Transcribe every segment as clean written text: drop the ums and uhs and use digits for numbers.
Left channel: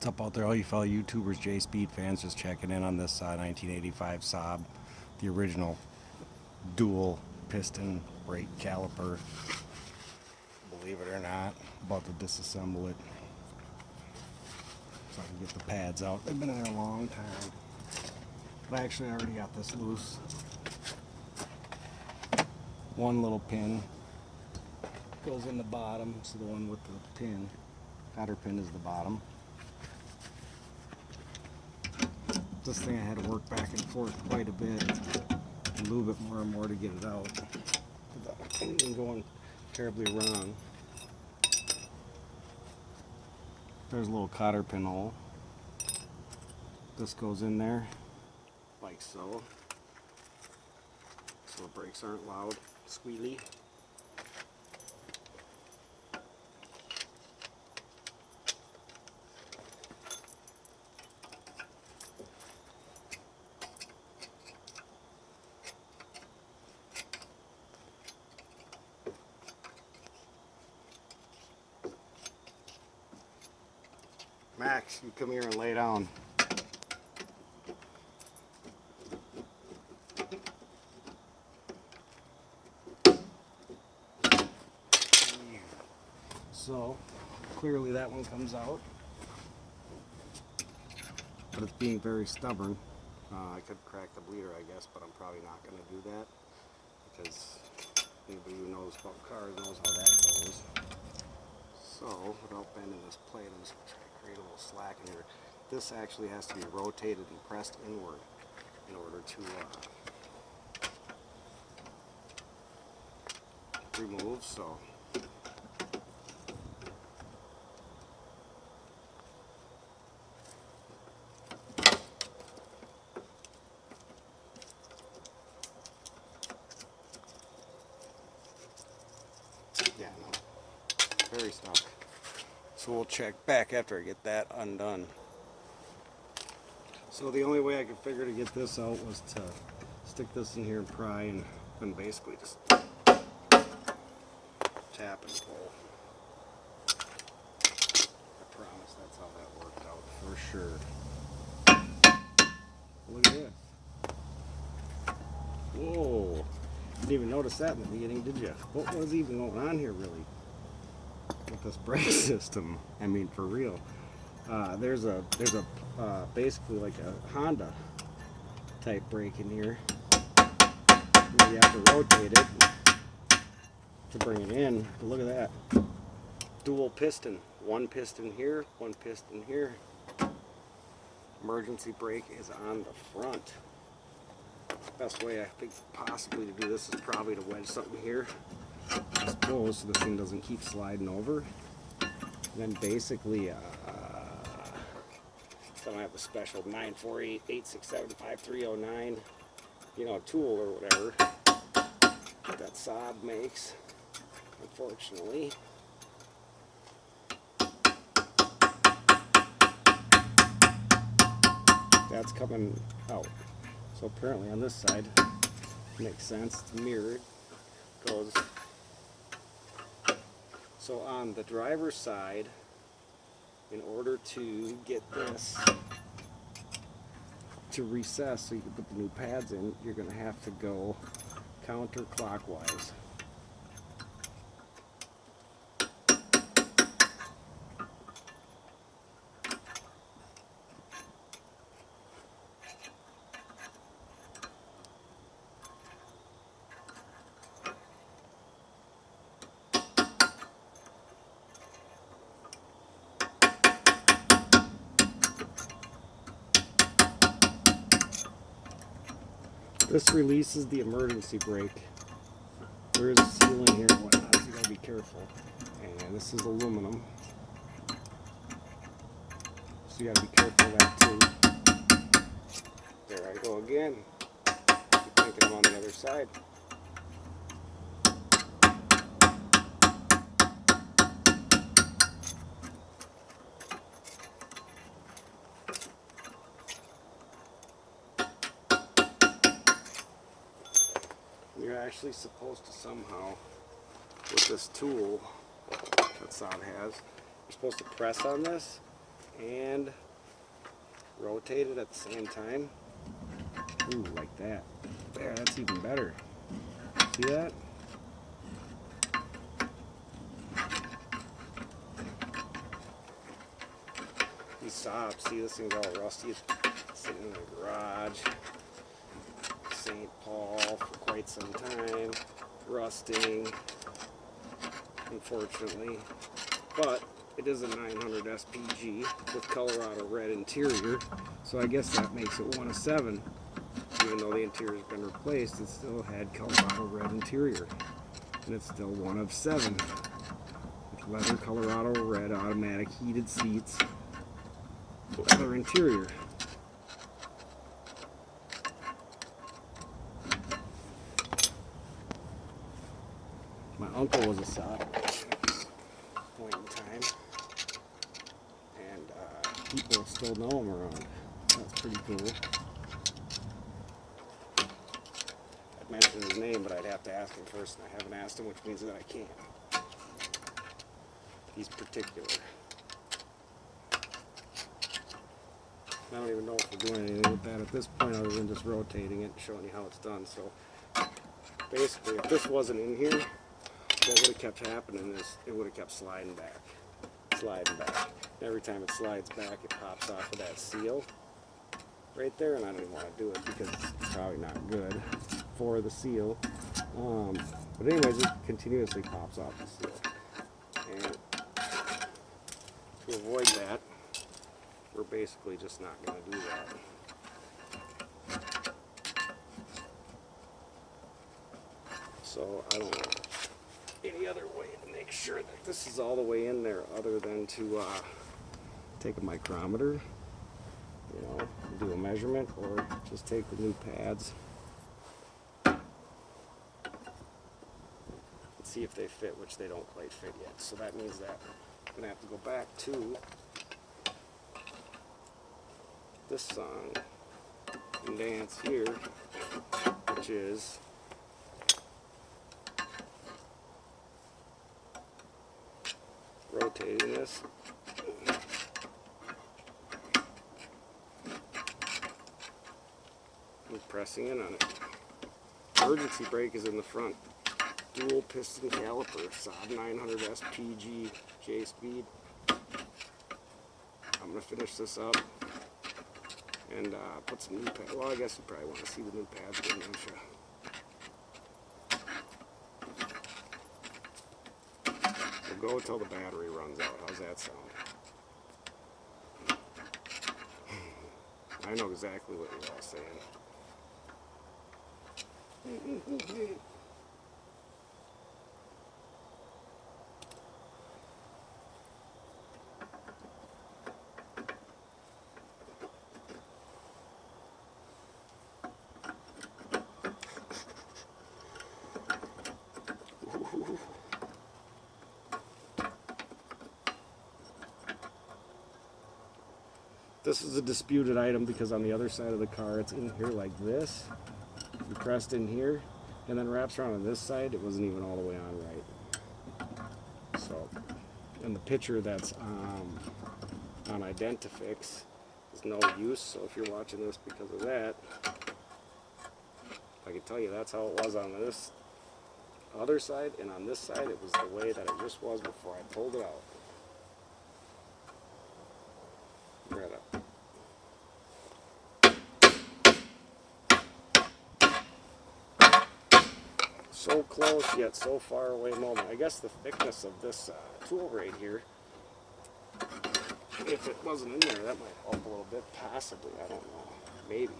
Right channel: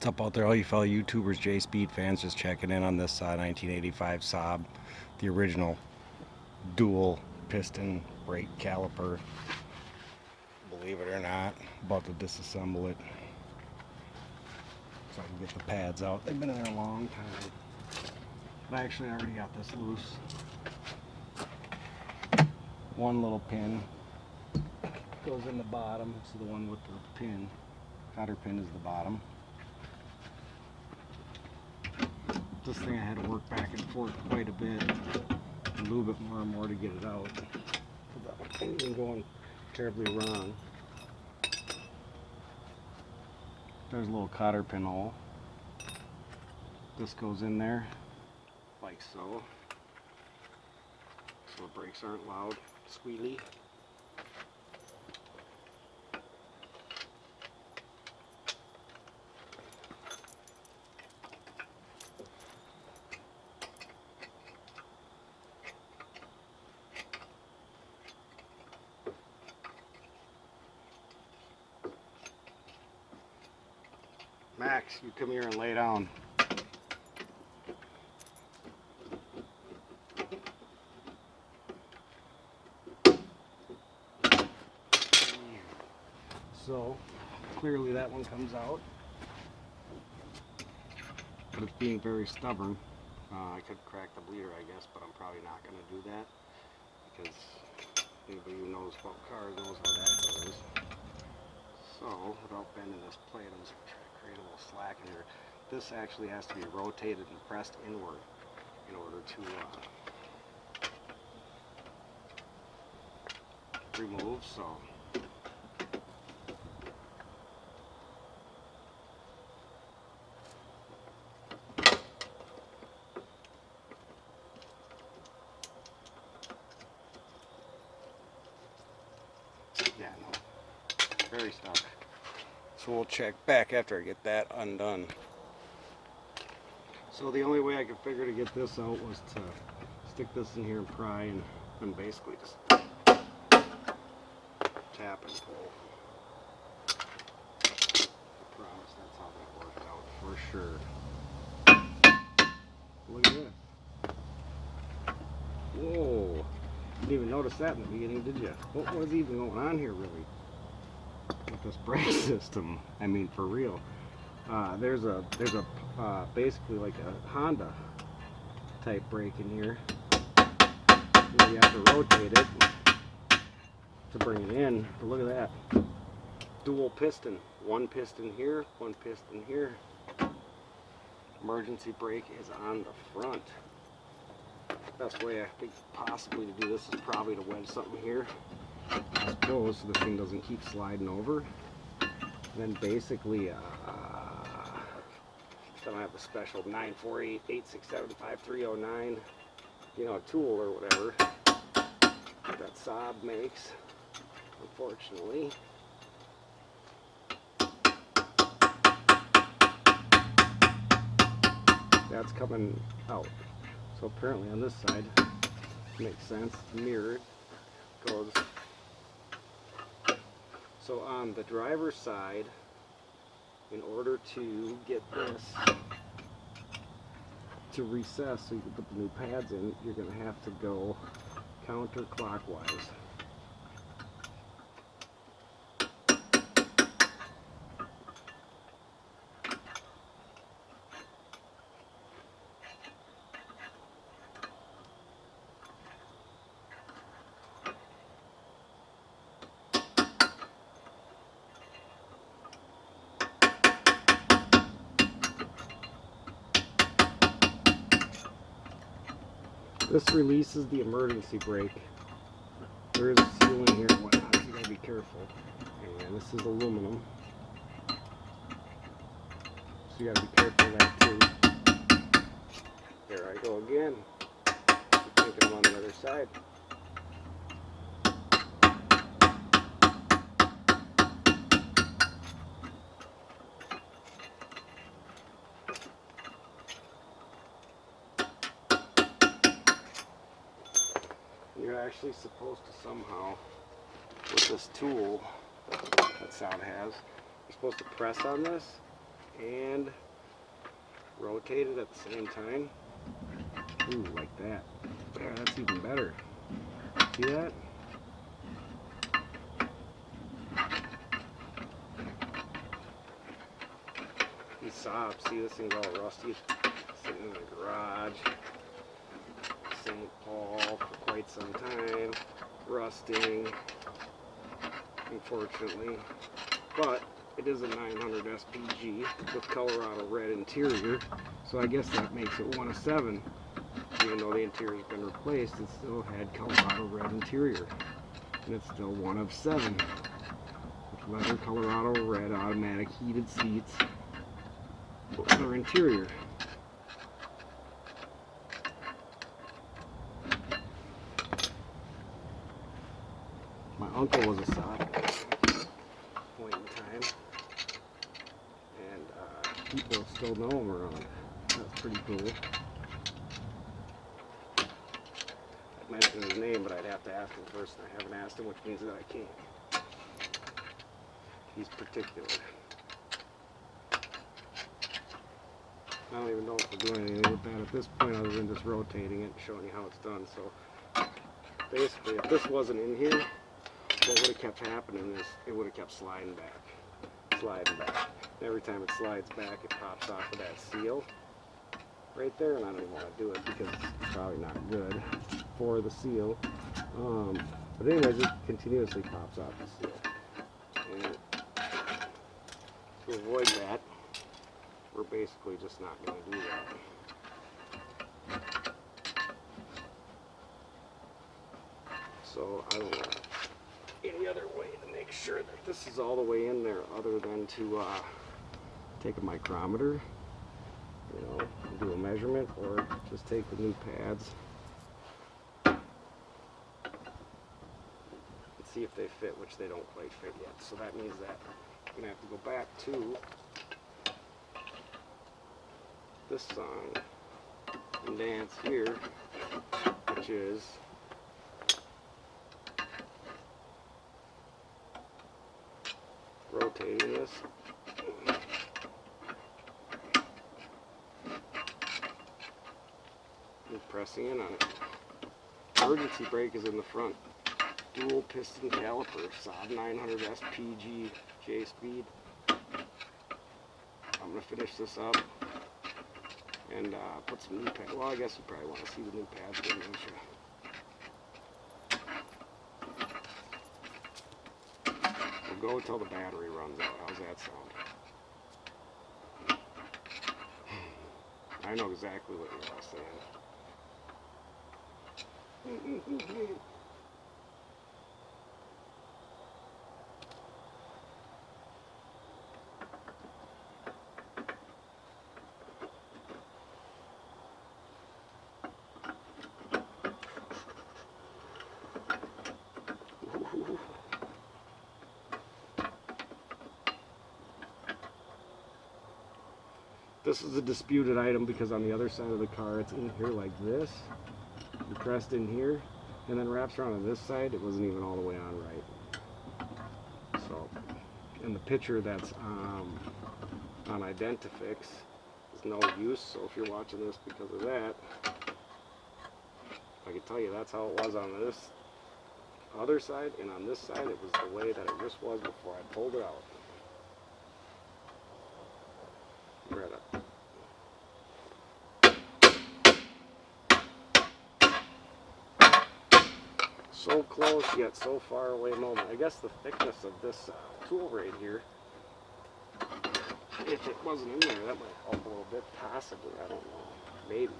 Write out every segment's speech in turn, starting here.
What's up out there, all you fellow YouTubers, J-Speed fans, just checking in on this 1985 SAAB, the original dual piston brake caliper. Believe it or not, about to disassemble it so I can get the pads out. They've been in there a long time. But actually I already got this loose. One little pin goes in the bottom, so the one with the pin, cotter pin is the bottom. This thing I had to work back and forth quite a bit, and lube it more and more to get it out, without anything going terribly wrong. There's a little cotter pin hole. This goes in there, like so. So the brakes aren't loud, squealy. Max, you come here and lay down. So, clearly that one comes out. But it's being very stubborn. I could crack the bleeder, I guess, but I'm probably not going to do that. Because anybody who knows about cars knows how that goes. So, without bending this plate, I'm just going to try to create a little slack in here. This actually has to be rotated and pressed inward in order to remove. So, yeah, no, very stuck. So we'll check back after I get that undone. So the only way I could figure to get this out was to stick this in here and pry and basically just tap and pull. I promise that's how that worked out for sure. Look at this. Whoa. Didn't even notice that in the beginning, did you? What was even going on here really with this brake system? I mean, for real. There's a basically like a Honda type brake in here. You have to rotate it to bring it in. But look at that. Dual piston. One piston here, one piston here. Emergency brake is on the front. Best way I think possibly to do this is probably to wedge something here, I suppose, so this thing doesn't keep sliding over. And then basically, so I don't have the special 948-867-5309, you know, tool or whatever that SAAB makes, unfortunately. That's coming out. So apparently on this side, makes sense, it's mirrored, goes. So on the driver's side, in order to get this to recess so you can put the new pads in, you're going to have to go counterclockwise. This releases the emergency brake. There is a seal in here and whatnot, so you gotta be careful. And this is aluminum, so you gotta be careful of that too. There I go again. Keep taking them on the other side. You're actually supposed to somehow, with this tool that SAAB has, you're supposed to press on this and rotate it at the same time. Ooh, like that. There, that's even better. See that? These SAAB, see, this thing's all rusty. It's sitting in the garage. St. Paul for quite some time. Rusting, unfortunately. But it is a 900 SPG with Colorado red interior, so I guess that makes it one of 7. Even though the interior's been replaced, it still had Colorado red interior, and it's still one of 7 with leather Colorado red automatic heated seats, leather interior. My uncle was a SAAB point in time, and people still know him around. That's pretty cool. I'd mention his name, but I'd have to ask him first, and I haven't asked him, which means that I can't. He's particular. I don't even know if we're doing anything with that at this point other than just rotating it and showing you how it's done. So basically, if this wasn't in here, what would have kept happening is it would have kept sliding back. And every time it slides back, it pops off of that seal right there, and I don't even want to do it because it's probably not good for the seal. But anyways, it continuously pops off the seal. And to avoid that, we're basically just not going to do that. So I don't know any other way to make sure that this is all the way in there other than to take a micrometer, you know, and do a measurement, or just take the new pads and see if they fit, which they don't quite fit yet. So that means that I'm going to have to go back to this song and dance here, which is rotating this and pressing in on it. Emergency brake is in the front. Dual piston caliper, SAAB 900 SPG J-speed. I'm going to finish this up and put some new pads. Well, I guess you probably want to see the new pads, don't you? We'll go until the battery runs out. How's that sound? I know exactly what you're all saying. This is a disputed item because on the other side of the car it's in here like this, compressed in here, and then wraps around on this side. It wasn't even all the way on right. So, and the picture that's on Identifix is no use, so if you're watching this because of that, I can tell you that's how it was on this other side, and on this side it was the way that it just was before I pulled it out. Right up. So close yet so far away moment. I guess the thickness of this tool right here, if it wasn't in there, that might help a little bit, possibly. I don't know. Maybe.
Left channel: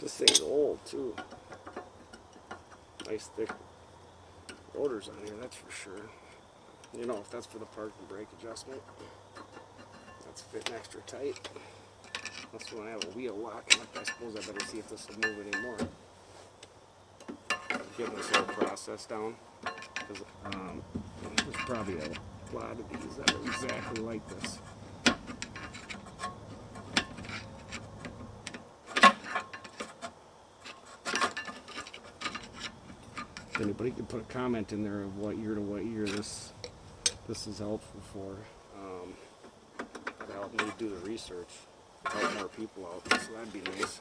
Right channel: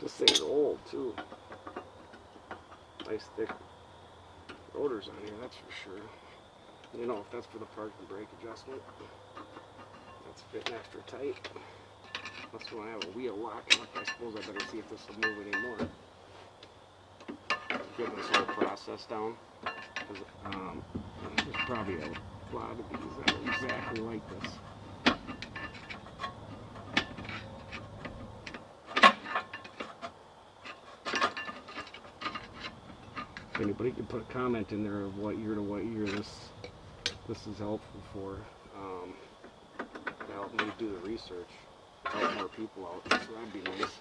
This thing's old too. Nice thick rotors on here, that's for sure. You know, if that's for the park and brake adjustment, that's fitting extra tight. Unless we want to have a wheel locking up, I suppose I better see if this will move anymore. Get this whole process down. There's probably a lot of these that are exactly like this. Anybody can put a comment in there of what year to what year this is helpful for. To help me do the research, help more people out, so that'd be nice.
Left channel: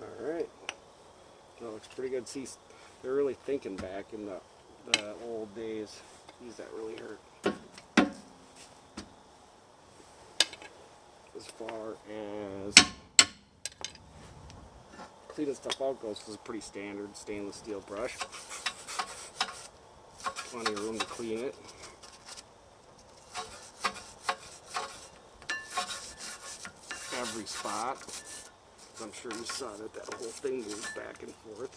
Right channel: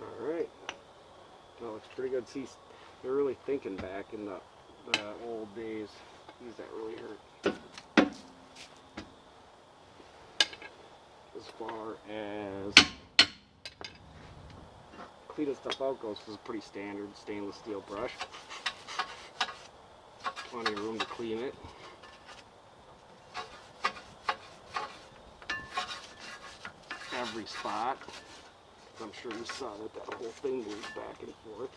Alright, that looks pretty good. See, they're really thinking back in the old days. Geez, that really hurt. As far as cleaning stuff out goes, this is a pretty standard stainless steel brush. Plenty of room to clean it. Every spot. I'm sure you saw that whole thing moves back and forth.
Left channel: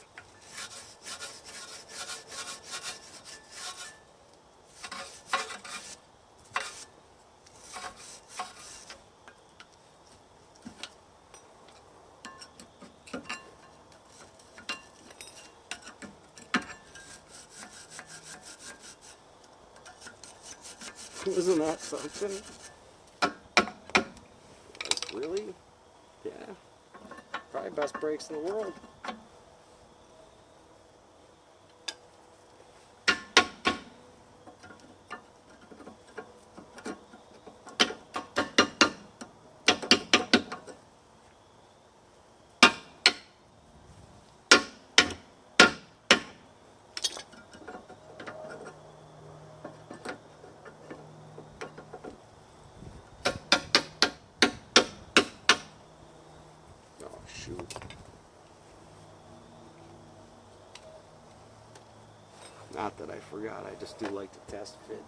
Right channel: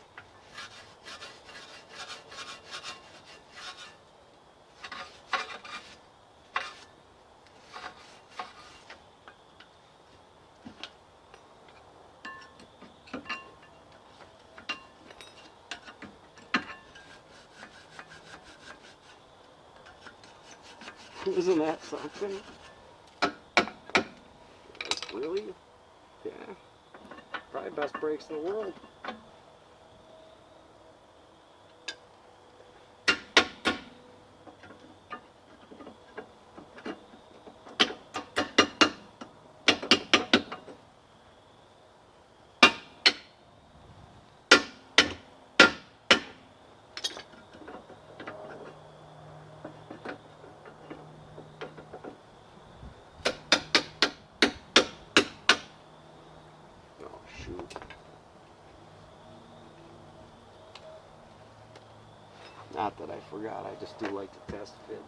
Isn't that something? Really? Yeah. Probably best brakes in the world. Shoot. Not that I forgot, I just do like to test fit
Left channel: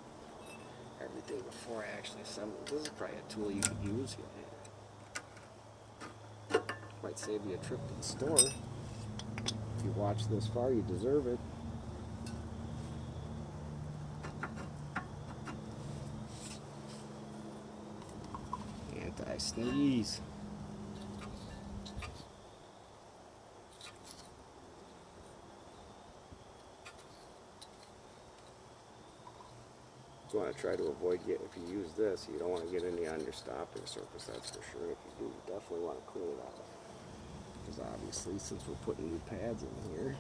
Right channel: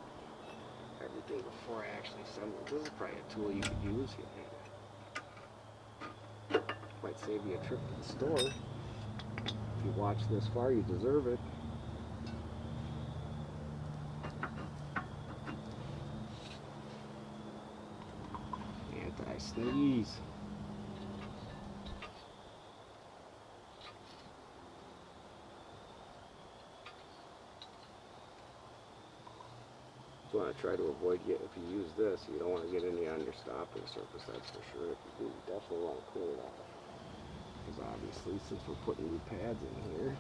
everything before I actually assemble. This is probably a tool you could use. Might save you a trip to the store. If you watch this far, you deserve it. Anti-sneeze. You want to try to avoid getting, if you use this, you don't want to get any on your stopping surface, that's for sure. If you do, you definitely want to clean it off. Because obviously, since we're putting new pads in here,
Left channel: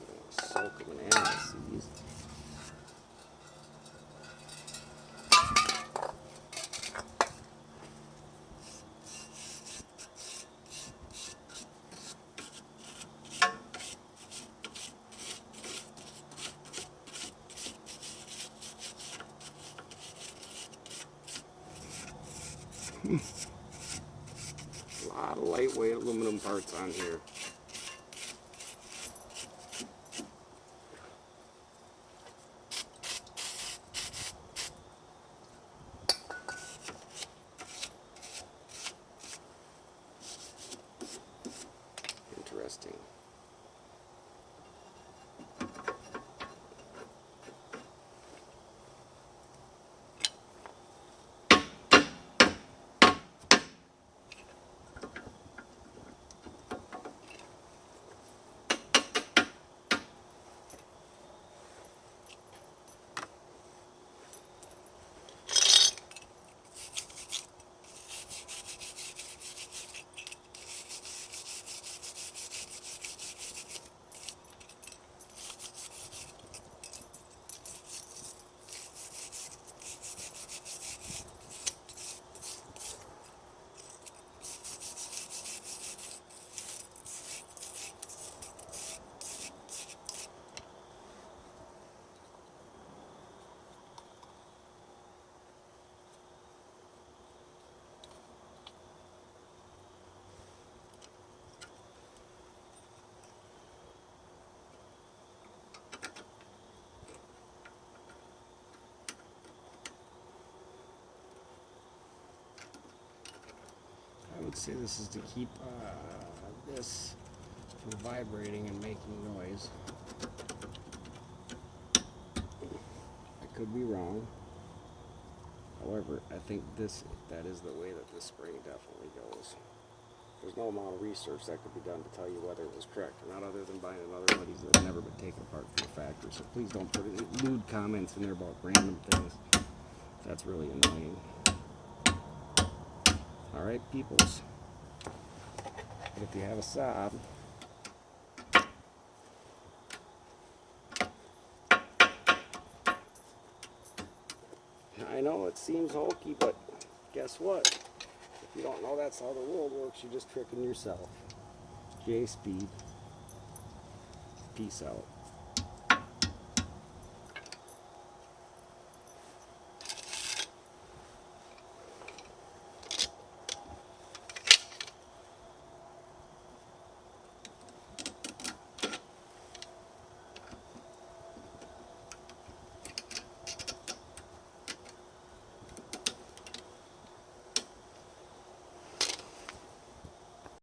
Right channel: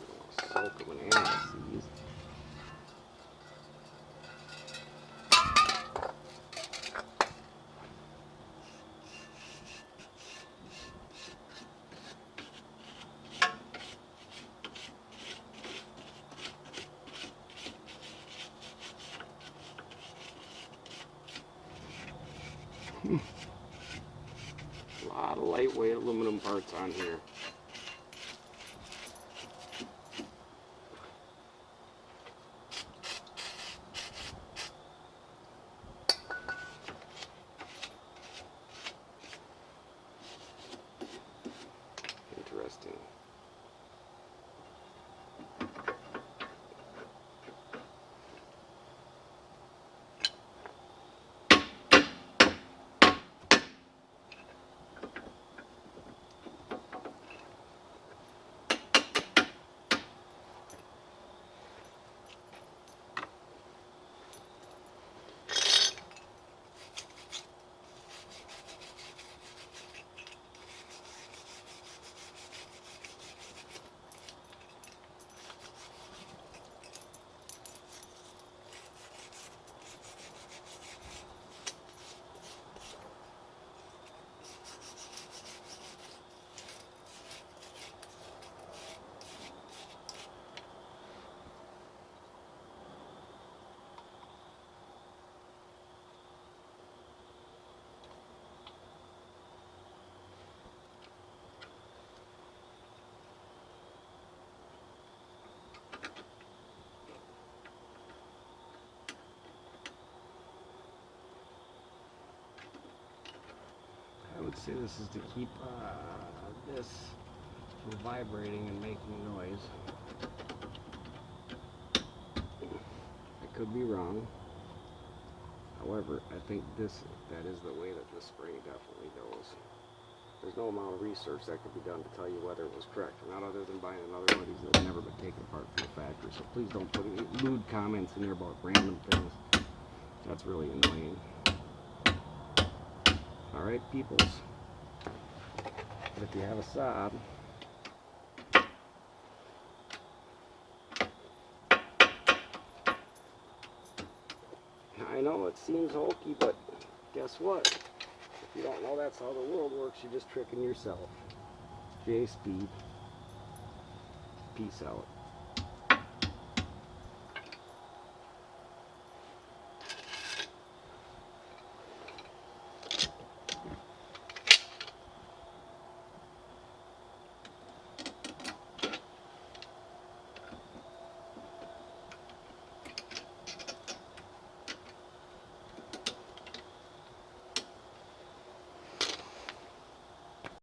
you don't want to soak them in anti-seize. A lot of lightweight aluminum parts on here. Interesting. I would say this is to keep this from vibrating and making noise. I could be wrong. However, I think that is the way that this spring definitely goes. there's no amount of research that could be done to tell you whether it was correct or not, other than buying another one of these that's never been taken apart from the factory. So please don't put any lewd comments in there about random things. That's really annoying. Alright, peoples. But if you have a SAAB, I know it seems hokey, but guess what? If you don't know that's how the world works, you're just tricking yourself. J Speed. Peace out.